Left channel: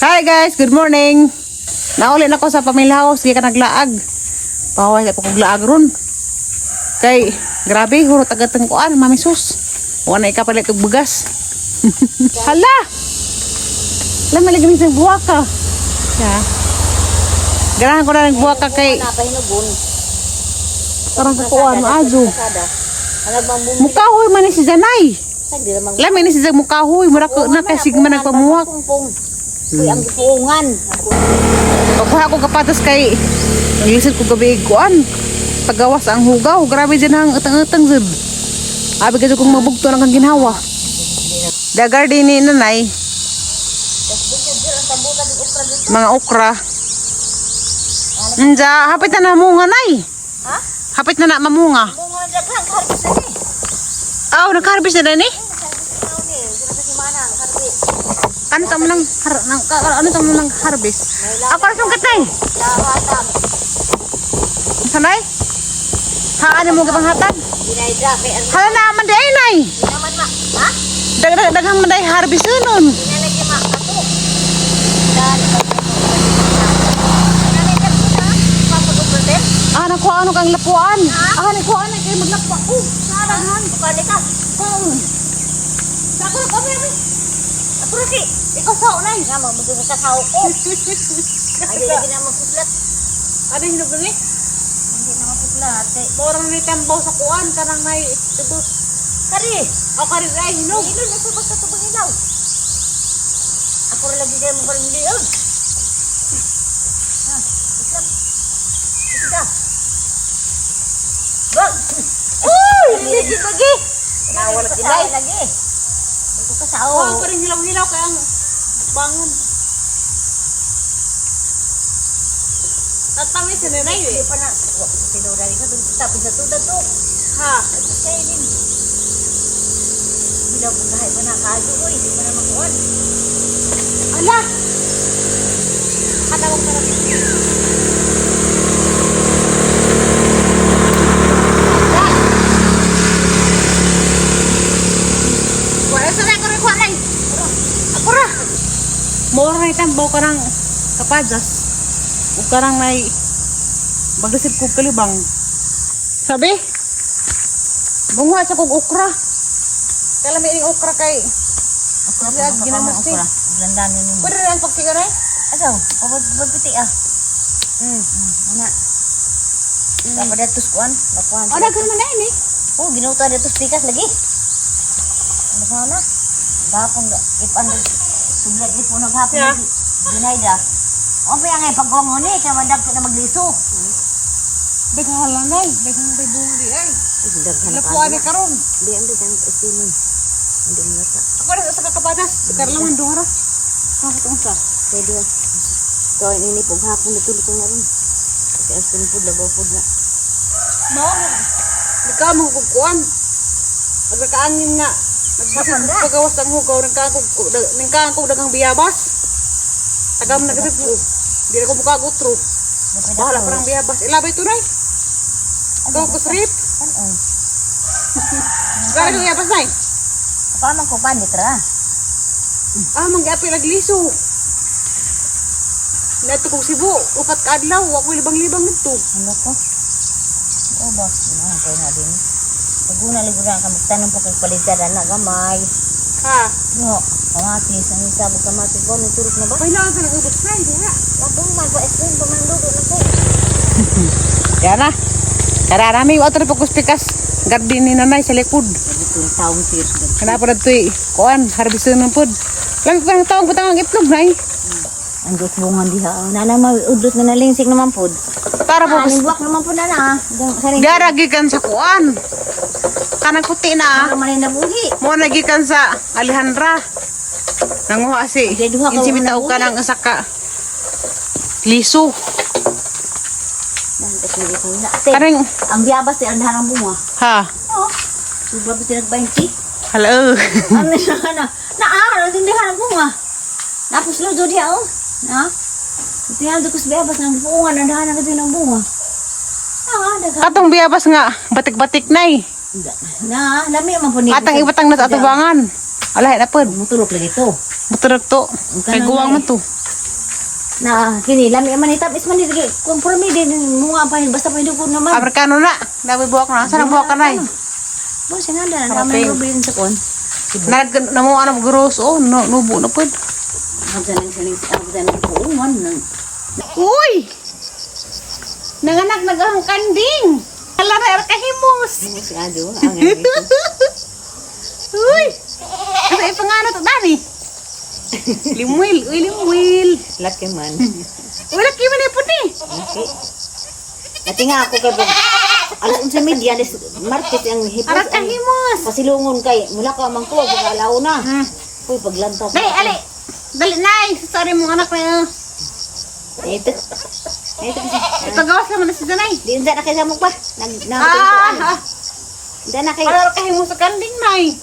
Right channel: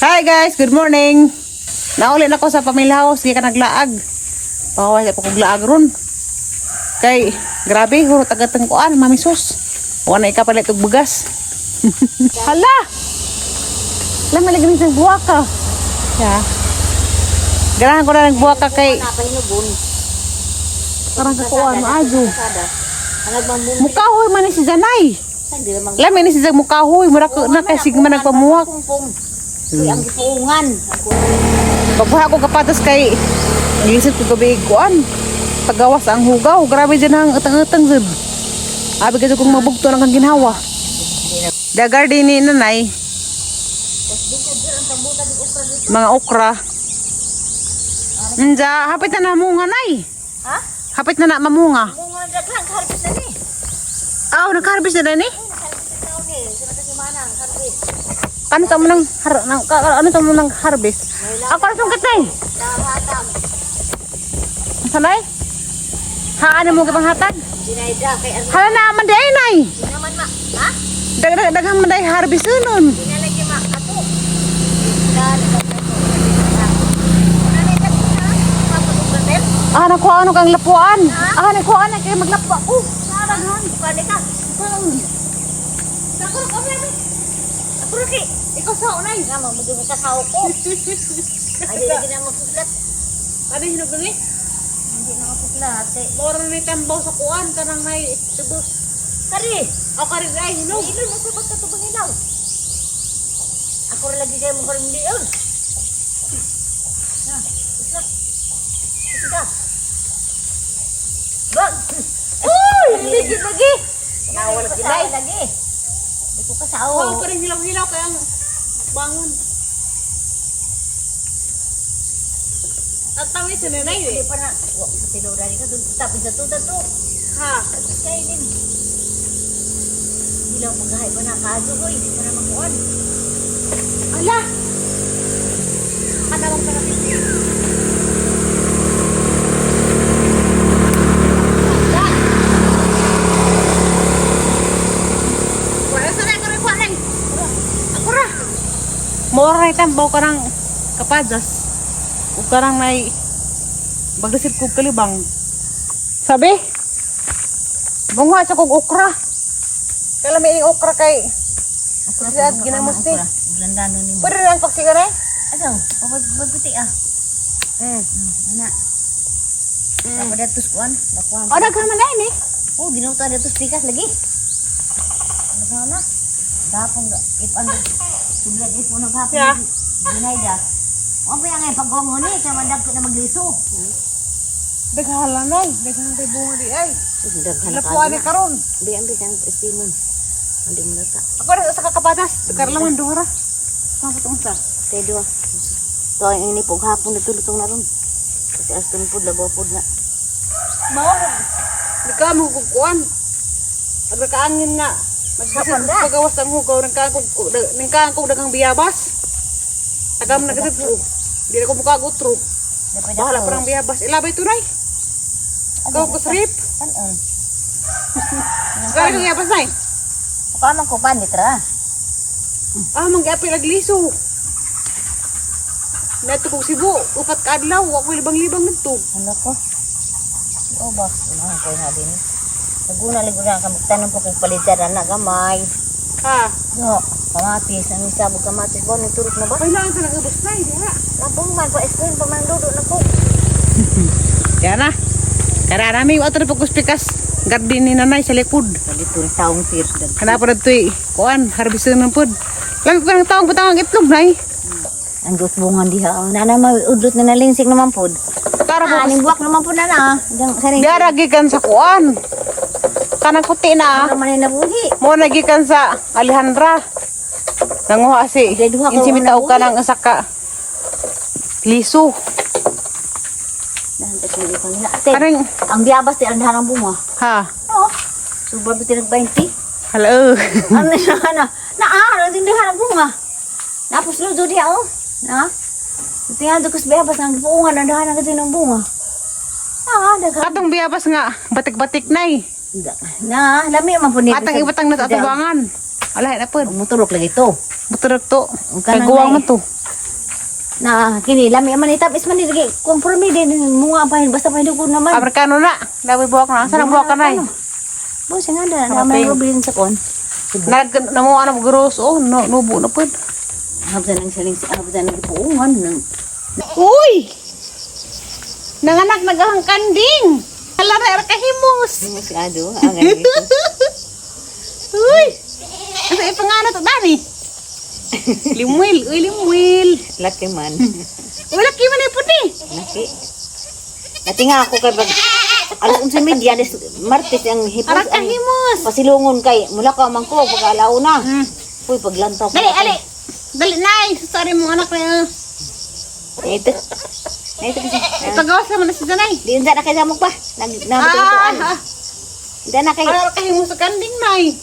Hi guys, good morning. Nauli na ko sa pamilya house, di ka naglaag. Paway pa kog laag ron. Kay grabe hurot agad teng kuan, Mami Sus. Wala ikapalit og bugas. Hala. Lama lagi sa buwaka. Ya. Ganahan ko na nagbuwaka kay parang kakuan maadyo. Mukahoy man ni si Janay. Lami ni si Jag mukahoy, mura ko na kay sigma nagpamuwak. Ang kipungan. Pagkuha ko kapatas kay naglisid ko gabi kuan. Pagawas ang hugaw, grabe dyan ang utang-utang zud. Abi kasi kung mabugto ng kang ginhawa. Da garden ni nanay. Mga okra. Nja, hapit na namunga nay. Ha? Hapit na mamunga. Bunga na daghang harvest na ni. Aw, nag-harvest na ni? Harvest na ni. Sila kasi manang harvest. Ano sa mo nang ano sa mo nang harvest? Ako na sungkat nay. Dawatan. Sanay? Haan mo gipang hatag? Dinaida kay ang Hala na man day nay. di naman ma. Ha? Daghang man day harvest nun. Dinalagi ma ato. Dali ka to. Nanay ka na. Papadog natin. Ah, nakuha ano kang lapuan. Ah, nakuha na kayo maglapa. Oh, Saranghan. Bukali ka. kaon. Sako na kami. Ako rin. Ikaw sa unay. Nga magdugay ka sa ko. Ay lagi na mapuslat. Ano hinog ni? Hindi na mapuslat. Kay Morang ni tambaw sa kuan kanang may tubos. kari. Aw kari ay hinog. Ilon na sa pagkatubang ilaw. Ako rin lagi kayo mo karing liog. Ha, islap. Isda. Bag. Uy, hindi lagi. Nawala gilay lagi. Di ko kasao. Kuha pa rin hilaw-hilaw kaya ang bangon. At tamis na nanay eh. Hindi pa na. Wak ko tinurari ka. Tapos sa tuda to. Ha. Kaya din. Bilaw pagkahay pa na. Kaso ko. Hindi pa na makuhan. Ala. Kanawang tarapis eh. Wala sa na ko rin kuha nay. Ako ra. Mora na itambaw ka ng kapadas. Kung karang may bagdasip kong kalibang. Sabi? Bunga sa kong okra. Kala may ining okra kay. Ako Lahat ginamos ni. Landano ni mo. Pwede rin ang pagsigaray? Asaw. Pagputi ah. Ana. Dapat datus kuan. Lakuan. O, nagkaroon man dahil eh. Oh, ginuta datus pikas lagi. Ano sana? Bapon ipan suglag ipo naghapon. Yeah. Dinayda. O pa nga pagwang mo ni kay mandag na magliso. Daghalan ay. Daghalan tayo bunga di ay. Daghan Lapuan ni karon. Di ambi sang estimon. Hindi mo nata. Ako rin sa kakapadas. Karlaman duhara. Kapatong sa. Kay duwa. To ang ini pog hapon dito lutong na ron. Kasi astin pud labaw pud na. Mao. Di ka mo kukuan. Pag nakaangin nga. Nagbisit ko pagawas ng hugaw. Nangkaan ko daghang biyabas. Tagam na gasip ko. Di na ko mukha gutro. Bahala pa ng biyabas. Ilabay tunay. Ikaw ko srip. Kaya kong biyabas na eh. Paano ko pandit ra? Ah, manggapi nagliso. Nato kong Cebu, upat ka adlaw, ako libang-libang nito. Ano ko? Oh, boss, ano ko na din. Paguna lang guna kami tanim ko kung palitan na gamay. Ha? No, kamatis, ano sabo kamatis ko turok na ba? Kailangan ka nag-ubos na, hindi ha? Wapong man sa spoon pa man luto na ko. Yan na. Tara namin, wato na pagkustikas. Garden ni nanay sa likod. Sabi ko taong tirs gad. Kanapa na ito eh. Kuan, harbisan ng pod. Lagi ko ng taong patang itlog na eh. Ang bungan diha. Nana maudlot na nalinsik naman pod. Tara po, Ang buwak naman po na na. diaragikan sa kuan. Kanang kuti na. Para man na buhi. Mo nagikan sa Alejandra. Nanguha si. Deduha ka Insimitaw ka ng asaka. Liso. Karing, Ang biyabas ti andahan ang bunga. ha? Oh. Subar biti nag-20. Hello. Ano siya na? Naaro tindahan ang bunga. Tapos ludo diha oh. Na? Tingnan do kus biyabas nang buungan andahan ang ng bunga. Ah, daga. Katong biyabas nga, batik-batik na eh. Na, lami man po ni. Atang ibatang na sa atubangan. Alay na pod. Mutulok lagi to. Mutulog to. Kay guwang man to. Na kini lami man itapis man lagi kompromi din mga pa basta pa dugod naman. Amerikano na. Dabi buwak na. Saan ang buwak ka na eh? Bo sing ada Karaping. naman bilin sa kon. Namo ano gross oh no nubo na pud. Habdan ang siling sa habdan ang puungan nang Uy! Nanganak nagahang kanding. Hala na kahimos. si ado ang dito. Uy! Ano ipangano to dani? Limwil, uy limwil. Laki man. Wala ki man puti. Laki. Dati nga ako kay bag alas unsa media des martes ang hipos. Arak kahimos. Pasilungon kay mula ka man ko pag alaw na. Uy paglantaw. Dali, ali. Dali nay, sorry mo anak na. Ito. Ito kasi. Ipagawas naman na si Danay. Di na kay mo pa. Nag Ah, Di na kay. arak kahimos sa kanding nay.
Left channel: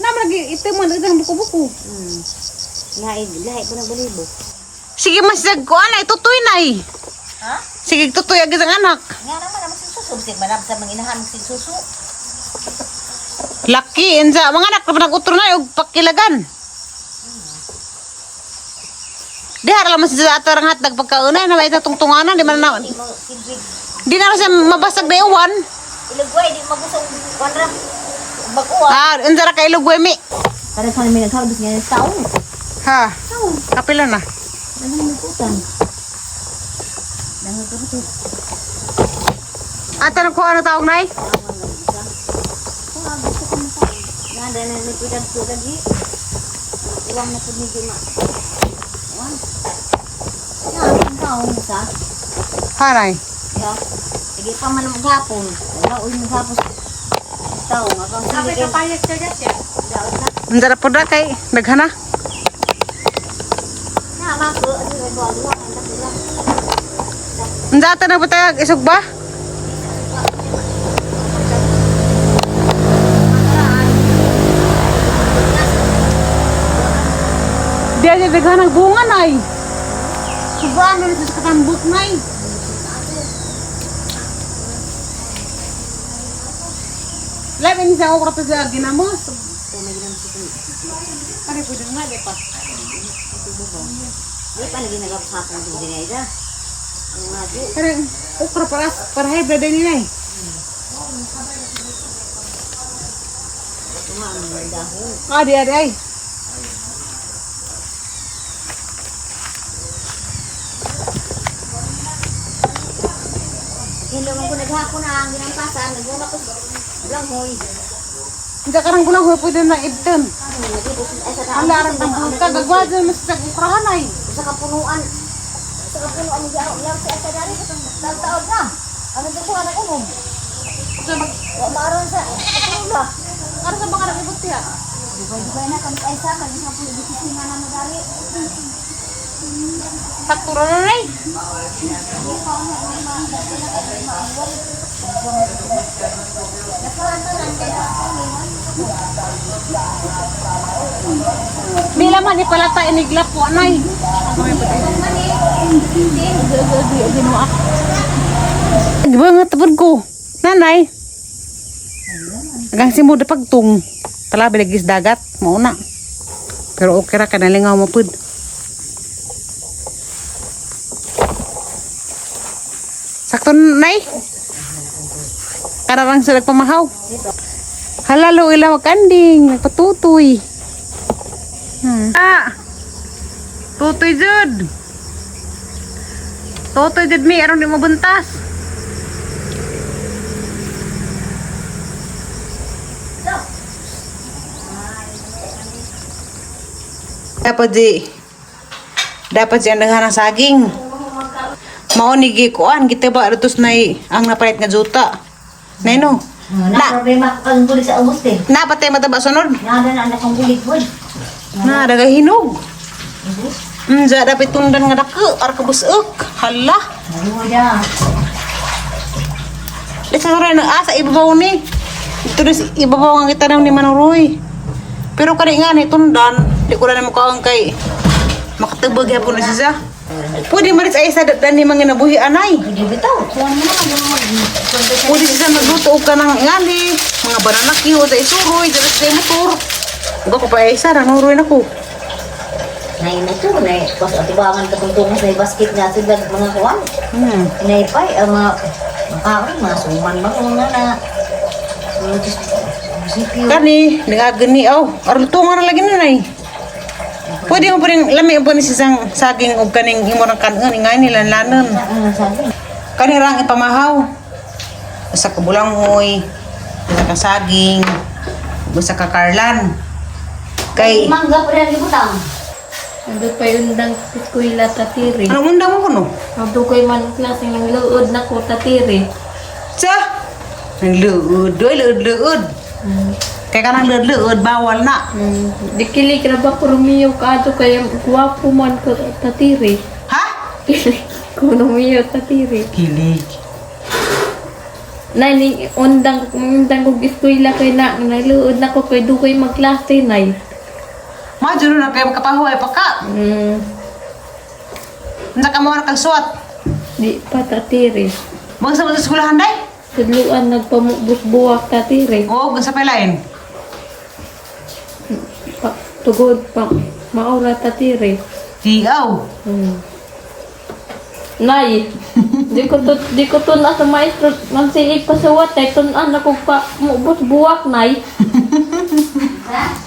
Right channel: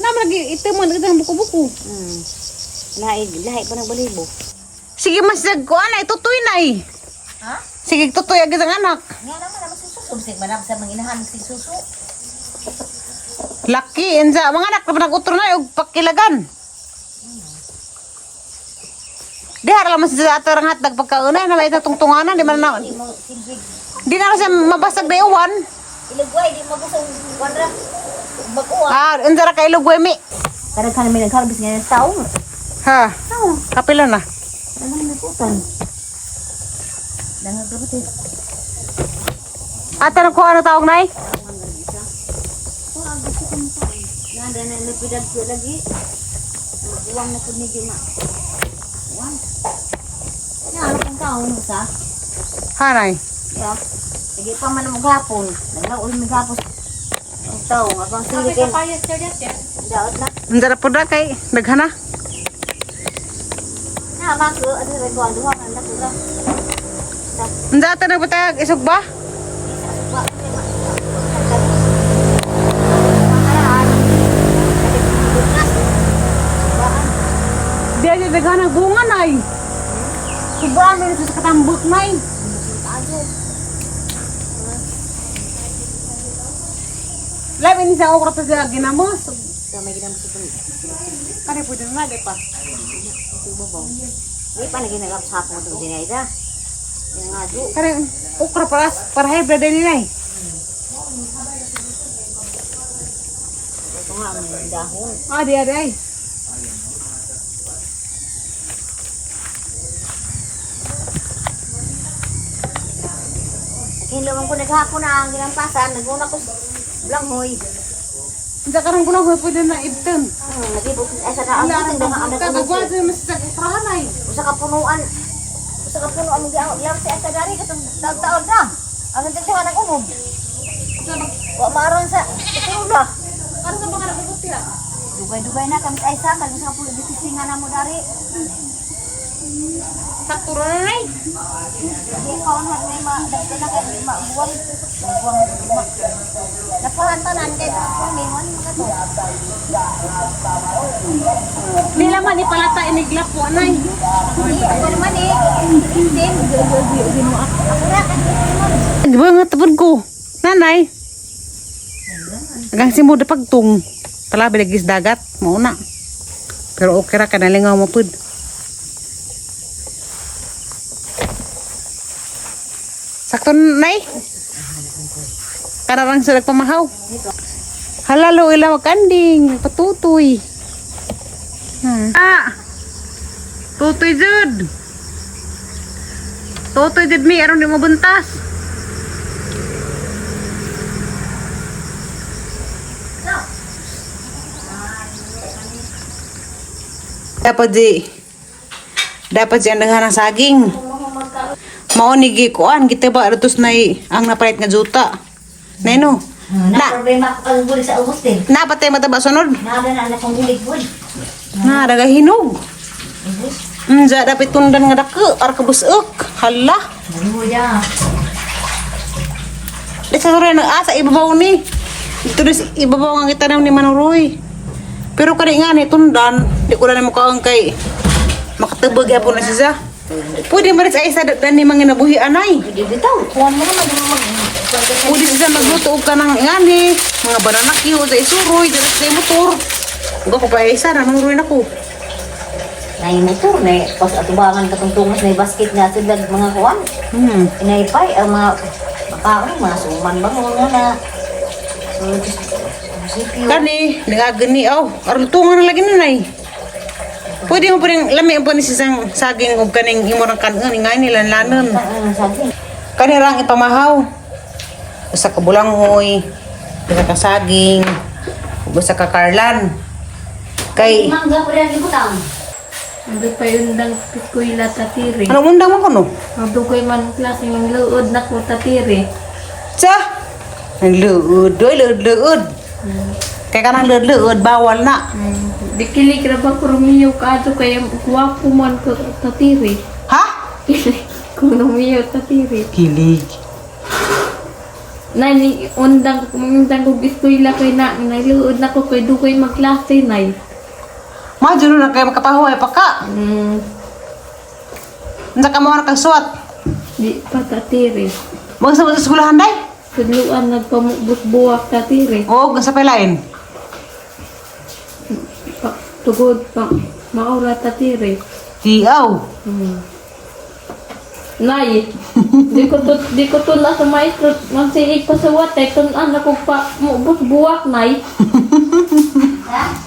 Naman lagi ito man ito ng buko-buko. Lahi pa ng balibo. Sige mas ko anay tutoy nay. Ha? Sige tutoy agad ang anak. Nga naman ang susu. Sig manab sa mga inahan sig susu. Laki enza mga anak na nag-utro na og pakilagan. Di harap man sa atarang hatag pagkaunay na may tungtunganan di man na. Di na siya mabasag na iwan. Ilugway di magusong kwadrat. Bakuha. Ah, enza ra kay lugwe mi. Kada sa mi nagsarbis nga sa taon. Ha. Kapila na. Ano may putan. Dangan kapatid. Ata na ko ano tawag nay? Oh, gusto ko mo sa. Nanda na lipidad ko lagi. Uwang na pud ni di ma. Uwan. Ya, ang taong mo sa. Ha nay. Ya. Sige pa man maghapon. Naglaoy maghapon. Ang taong agang sige kay. Kapayas ka dyan siya. Daot na. Enza ra pud na kay daghana. Nama ko ano nagwa-duwa anda ko ra. Enza ata na batag isog ba? Bisa supa ko ni ma. Pagkano. Makaraan. Bukas. Baan. Di aja daghana bunga nay. Sobrang ano sa katambok nay. Tado. Labi ni sa okra to sa ginamos. Sa may ginam sa pun. Kani pwede nga di pa. Ito babaw. Di pa lagi nagapsapon din dinay ra. Ina nga do. Kani okra para hybrid din nay. Ito nga ang dahon. Adi adi ay. Hindi man ko naghapon na ang ginampasan. Naguna ko langhoy. Hindi ka nang gulang huy pwede na ibton. Ay sa Ang larang ng buta, gagwa dyan mas sa ukrahan ay. Sa kapunuan. Sa kapunuan ni Jao. Yang sa sa dari katong taon na. Ano din siya anak ko? Wa maron sa kapunuan. Ano sa mga nakibot siya? Dugay-dugay na kami ay sa kan sa pulo bisisinga na mo dari. Saktura na nay. Napahantanan din ako mingon. Di laman ipalata inigla po anay. Ako naman eh. Din. Bangat tapon ko. Nanay. Agang simuda pagtung. Tala bilagis dagat. Mauna. Pero okay ra ka nalingaw mo pud. Sakto nay. Kararang sila pamahaw. Halalo ila magkanding. Nagpatutoy. Ah. Tutoy jud. Tutoy jud mi aron di mo buntas. Dapat siya naghanang saging. Maunigi kuan kita ba atus nay ang napayat nga juta. Neno. Na problema ko kang guli sa ubos din. Na patay mataba sunod. Nabi na anak kong gulig po. Na daga hinog. Za dapat tundan nga dako ar kabusuk. Hala. Ano ya? Deka ora na asa ibabaw ni. Ito na ibabaw nga kita ni Manuroy. Pero kani nga ni tundan, di ko na mo kaang kay makatubog yapon na siya. Pwede maris ay isa dan ni mga nabuhi anay. Hindi bitaw. Kuha mo naman yung mag... Pwede siya magluto og kanang ngani, mga banana kiyo sa isuroy, dala sa motor. Uga ko pa isa nanuroy na ko. Nay motor na pas atubangan katong tungas na basket nga sila mga kuwan. Inaipay ang mga makaon, mga suman ba mga na. Kani, nagagani aw. Aron tunga na lagi na nay. Pwede mo pa rin lami po ni sisang saging ug kaning imong kanon nga nila lanon. Kani rang ipamahaw. Sa kabulangoy, sa kasaging, ug sa kakarlan. Kay Mangga pa rin ibutang. Hindi pa yun lang kuila tatiri. ano undang mo kuno? Ando ko'y man klase ng luod na ko tatiri. Sa ang luod, luod. Kay kanang luod bawal na. Di kilig na ba ko rumiyo ka ato kaya guwapo man ko tatiri. Ha? Kilig ko rumiyo tatiri. Kilig. Nani, undang ko iskuila kay na luod na ko kay dukoy magklase nay. Madyo na kay makapahuay pa ka. Nasa ka mo na kagsuat. Di pa tatiri. Mga sa mga eskwelahan day. Tudluan nagpamubos buwak tatiri. Oo, sa palain. Tugod pa maura tatiri. Tiaw. Nay, di ko to na sa maestro magsiig pa sa watay tunan ako pa mubos buwak nay.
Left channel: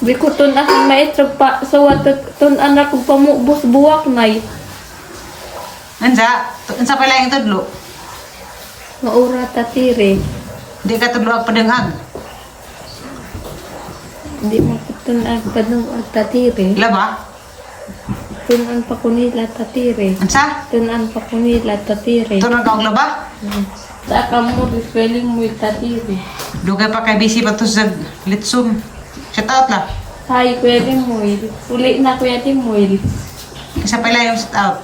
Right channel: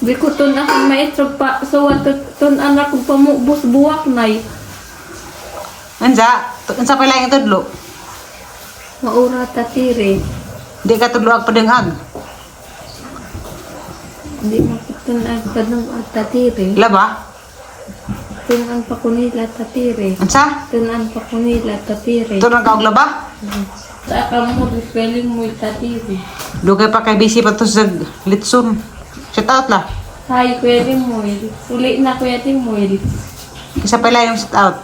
Di ko to na sa maestro pa sa watay tunan ako pa mubos buwak nay. Ansa, sa palain tudlo. Maura tatiri. Di ka tudlo ag padengag. Di makatunan pa nung tatiri. Laba? Tunan pa ko nila tatiri. Ansa? Tunan pa ko nila tatiri. Ito nang kaog laba? Sa kamo riswelling mo tatiri. Dugay pa kay busy pa to sa litson. Shout out la. Hi, Kuya Timoy. Uli na Kuya Timoy. Sa palain yung shout out.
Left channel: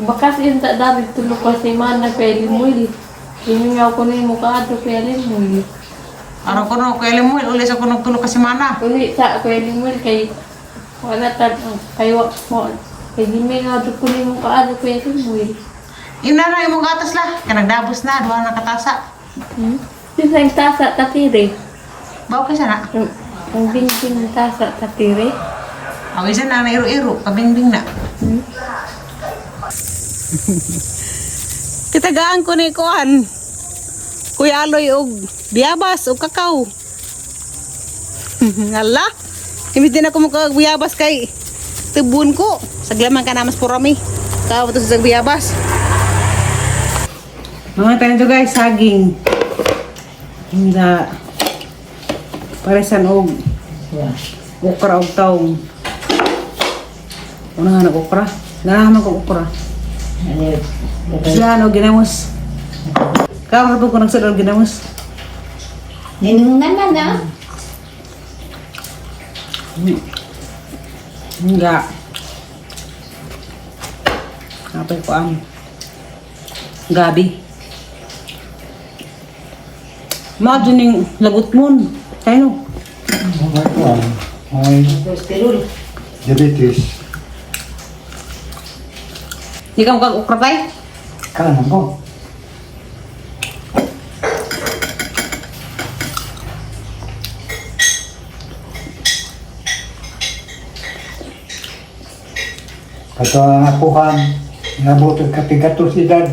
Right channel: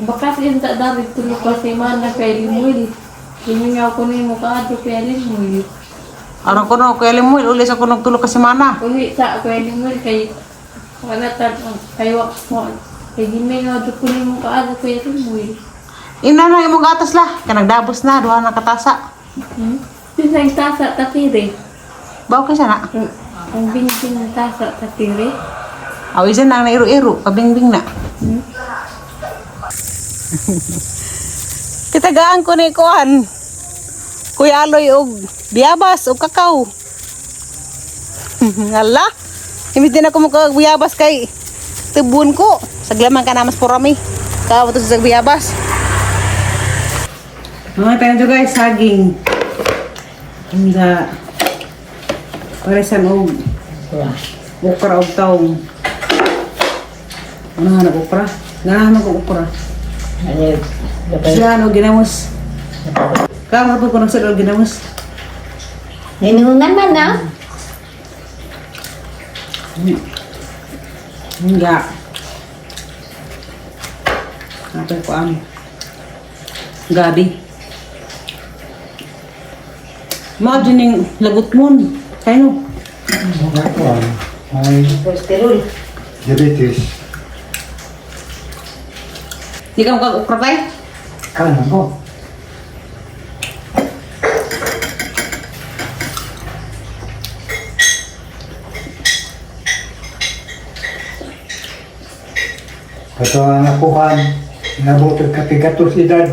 Bakas yun sa dari tulog ko si Mana kay Limoy. Hiningaw ko ni mo kaado Kuya Limoy. Araw ko no, kaya limoy, ulit sa kunong tulog kasi mana. Uli sa Kuya Limoy kay wala tad kayo mo. Kay hiningaw ko ni mo kaado Kuya Limoy. Ina na yung mga gatas la. Kaya nagdabos na, duha na katasa. Sinang tasa tatiri. Bawa ka siya na. Ang bingbing ng tasa tatiri. Awisan na iro-iro, kabingbing na. Kitagaan ko ni Kuan. Kuya Aloy og biyabas og kakao. Ngala. Hindi na ko mukha biyabas kay tubun ko. Saglaman ka namas porami. Kaw to sa biyabas. Mga tayo to guys, saging. Handa. Paresan og okra og taong. Ano nga okra? Ganahan ko okra. Siya ano ginamos. Kamu po ko nagsadol ginamos. Ninong naman na. Enggak. Apa ko am? Gabi. Mao dining lagot mon. Kayo. May diabetes. Di ka mo ukra tay? Kaya mo. Ito ang nakuhan, nabutog katigatos edad.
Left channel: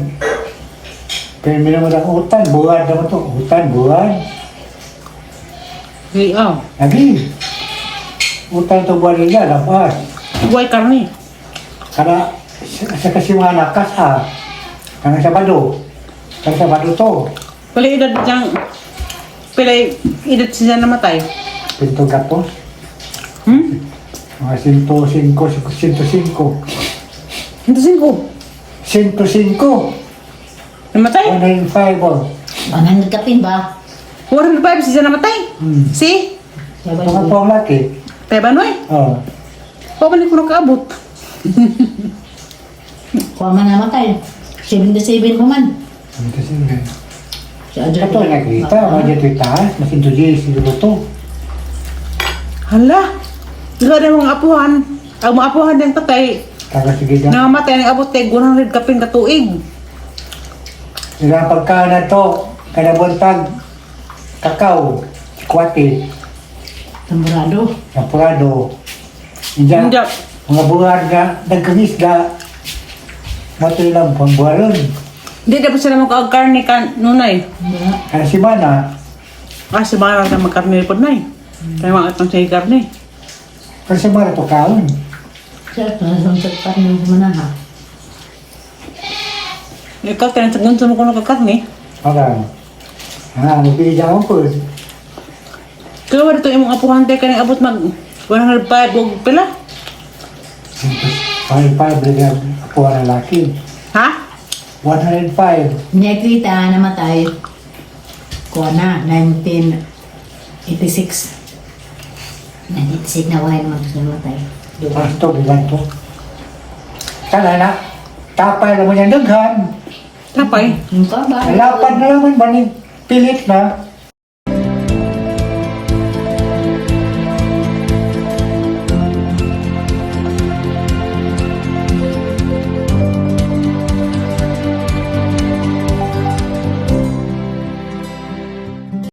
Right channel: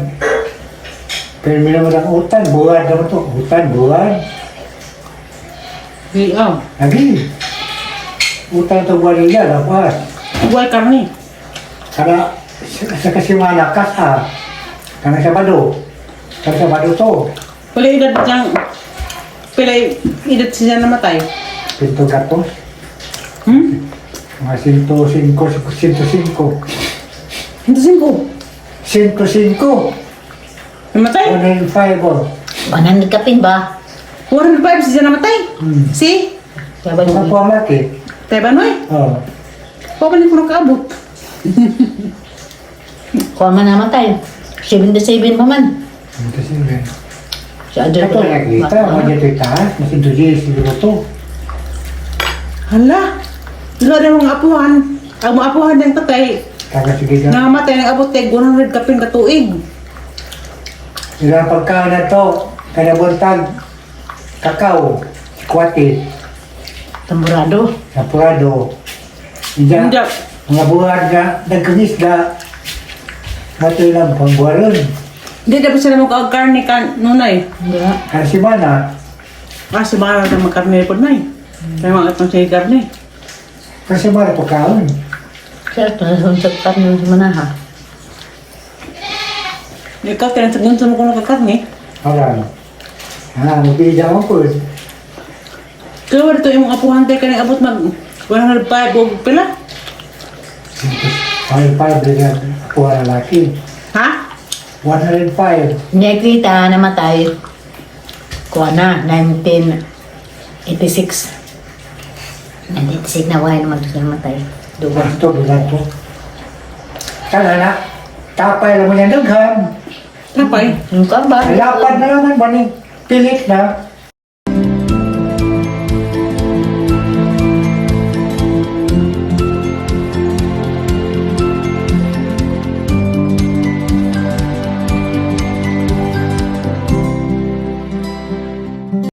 Pero minamad ang utan, buwan naman to. Utan, buwan. Di Lagi. Utan to buwan nila, lapas. Buhay karni. Karena sa kasimana kasa. Karena Sabado. Karena Sabado to. Pala edad diyang pila edad siya namatay. Pinto gatos. Mga 105. Hindi singko. 105. Namatay? 105 oh. Banan kapin ba? 405 siya namatay. Si? Mga po ang laki. Tayo Banoy? Oh. Paano ko nakaabot? Kung man naman tayo. 77 pa man. Ito sila. Sa adyo Ito nakita, mga dito itaas. Mas enthusiast siguro to. Hala. Dila na mga apuhan. Ang mga apuhan ng tatay. Kagasigigan. Nangamatay ng abot kay 100 kapin katuig. Ilang pagkain na to. Kanabuntag. Kakao. Kwati. Tamburado. Napurado. Diyan. Hindi. Mga buwan na nagkangisda. Matoy lang pangbuwaron. Hindi dapat sila magkakarni ka nunay. Hindi nga. Kasi mana, Kasi mga na magkarni po na Kaya mga itong siya karni. kasi mana pagkaon. Siya ito na suntok mo sa manaha. Ikaw, tinatagun sa mo kung nagkakarni. Wala. Nagpili dyan ako. Kaya wala ito yung apuhan tayo kaning abot mag 105 o pila. 105 rin ako ang lalaki. Ha? 105. Nekita namatay. Kuha na, 1986. 1986 na wala naman siya namatay. Dugo. Ito, bilato. Sana na. Tapay naman yung daghan. Tapay. Yung ka ba? Lapad na naman ba ni Pilit na.